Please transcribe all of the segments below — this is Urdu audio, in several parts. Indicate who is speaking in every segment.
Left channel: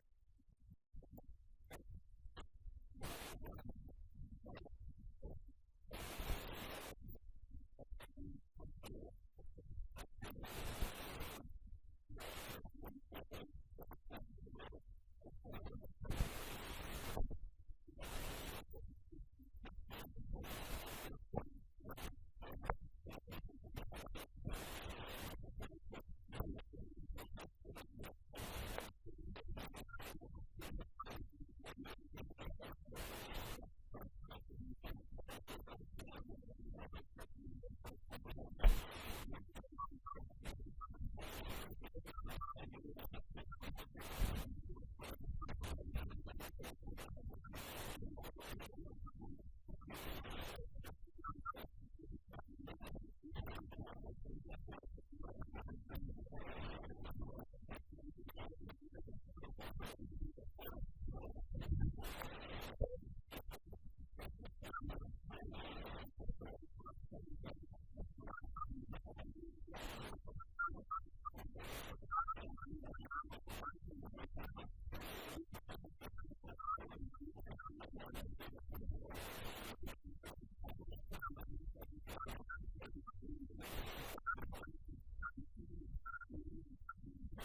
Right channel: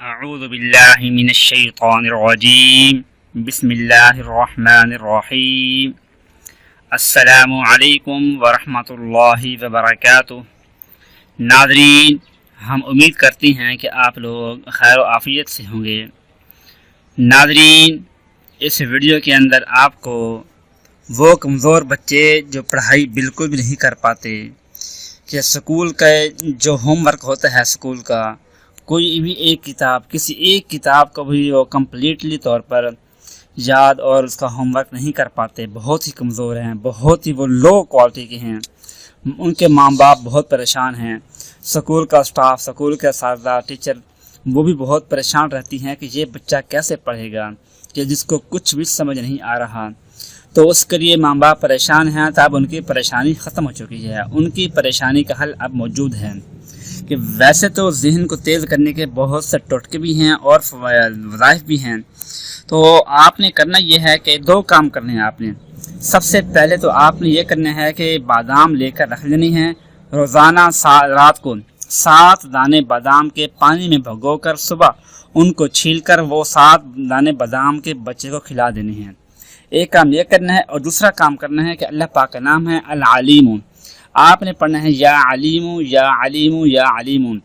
Speaker 1: اعوذ باللہ من الشیطان الرجیم بسم اللہ الرحمن الرحیم السلام علیکم ورحمۃ اللہ وبرکاتہ ناظرین، ہم امید کرتے ہیں کہ آپ لوگ خیر و عافیت سے ہوں گے۔ ناظرین، اس ویڈیو کے اندر آپ کو وہ کمزور بچے جو پڑھائی بالکل بھی نہیں کر پاتے کہ سکول کا جو ہوم ورک ہوتا ہے سکول کا کوئی بھی ایک کتاب، کسی ایک کتاب کو بھی وہ کمپلیٹلی طور پر یاد اور اس کا ہوم ورک نہیں کر پاتے۔ بہت ہی کمزور ہیں، بہت ہی وہ لو کوالٹی کے ہیں۔ ان کے ماں باپ بہت پریشان ہیں۔ سکول کا اسٹاف سکول کے اساتذہ ٹیچر وہ بھی بہت پریشان رہتی ہیں کہ یہ بچہ کیسے پڑھے گا کہ جس کو کچھ بھی سمجھ نہیں آ رہا۔ تو اس کے لیے ماں باپ پریشان ہیں تو اب ان کی پریشانی ختم ہو چکی ہے۔ ان کی پریشانی کا حل اب موجود ہے۔ کہ ویسے تو ذہن کو تیز کرنے کے بہت سے ٹوٹکے بھی ہیں اور وظائف بھی ہیں۔ تو آپ نے کرنا یہ ہے کہ دو کام کرنے ہیں آپ نے۔ سب سے پہلے تو آپ نے یہ کرنا ہے کہ بادام لے کر رکھ لینی ہے روزانہ رات کو۔ سات دانے بادام کے پانی میں بھگو کر صبح ان کو چھیل کر وہ سات دانے بادام کے بچے کو کھلا دینی ہے ایک کام یہ کرنا ہے اور دوسرا کام کرنا ہے کہ اللہ پاک کا نام ہے العلیم۔ آپ نے پڑھنا ہے یا علیم یا علیم یا علیم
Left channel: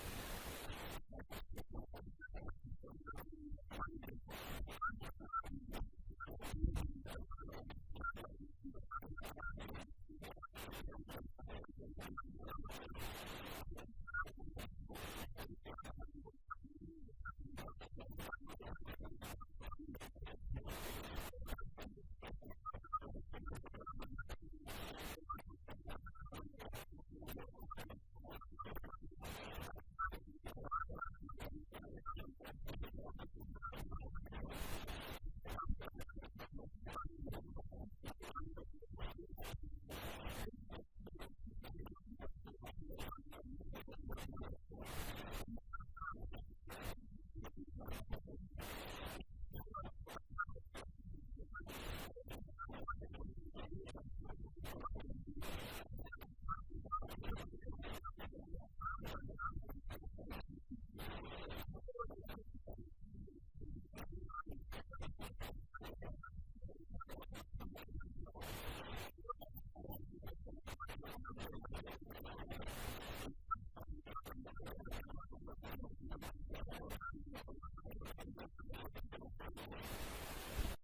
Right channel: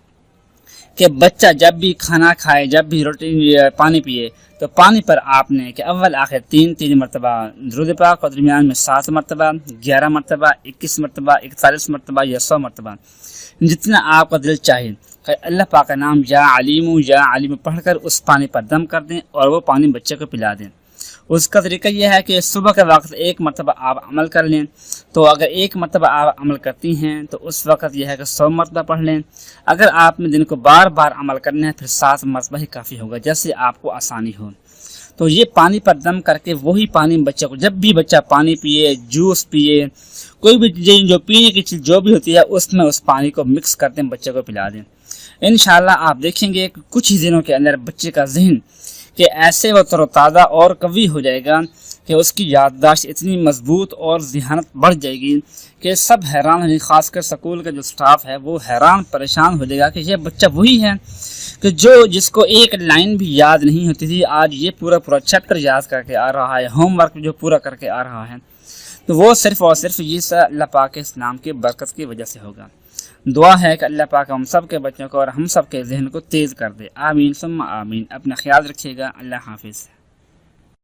Speaker 1: کہ بچہ جب بھی کھانا کھائے، جب بھی روٹی پانی پیے، تو پانی پر آپ نے کہ اول، آخر تین تین مرتبہ درود پاک اور درمیان میں سات مرتبہ، گیارہ مرتبہ، اکیس مرتبہ، اکتالیس مرتبہ یا سو مرتبہ۔ جتنا آپ کا دل چاہے۔ کہ اللہ پاک کا نام یا علیم یا علیم پڑھ کر اس پانی پر دم کر دیں اور وہ پانی بچے کو پلا دیں۔ اس کا طریقہ یہ ہے کہ صبح کے وقت ایک مرتبہ آپ عمل کر لیں۔ تو اگر ایک مرتبہ آپ عمل کرتی ہیں، تو اس وقت یہ ہے کہ سو مرتبہ پڑھ لیں۔ اگر آپ نے دن کو بار بار عمل کرنا ہے پھر سات مرتبہ ہی کافی ہوگا، جیسے آپ کو آسانی ہو۔ تو یہ پانی پر دم کر کے وہی پانی بچے کو، جب بھی بچہ پانی پیے، جوس پیے، کوئی بھی چیز، جو پینے کی چیز جو بھی ہوتی ہے، اس میں اس پانی کو مکس کر دیں، بچے کو پلا دیں۔ انشاءاللہ آپ دیکھیں گے کچھ ہی دنوں کے اندر بچے کا ذہن کہ ایسے وہ تر و تازہ اور قوی ہو جائے گا کہ اس کی یادداشت اتنی مضبوط اور ذہانت بڑھ جائے گی کہ سب حیران ہیں خاص کر سکول کا جو سٹاف ہے، وہ حیران پریشان ہو جائے گا کہ یہ بچہ وہی ہے کہ جو جس کو ایک لائن بھی یاد نہیں ہوتی تھی، آج یہ پورا پورا چیپٹر یاد کر کے آ رہا ہے ہوم ورک جو پورا کر کے آ رہا ہے۔ تو وہ صرف اور صرف یہ سا اللہ پاک اسلام کی برکت کی وجہ سے ہوگا۔ دعا ہے کہ اللہ پاک ہم سب کے بچوں کو اور ہم سب کے ذہن کو تیز کر دے۔ آمین، ثم آمین۔ اپنا خیال رکھیے گا۔ اللہ حافظ۔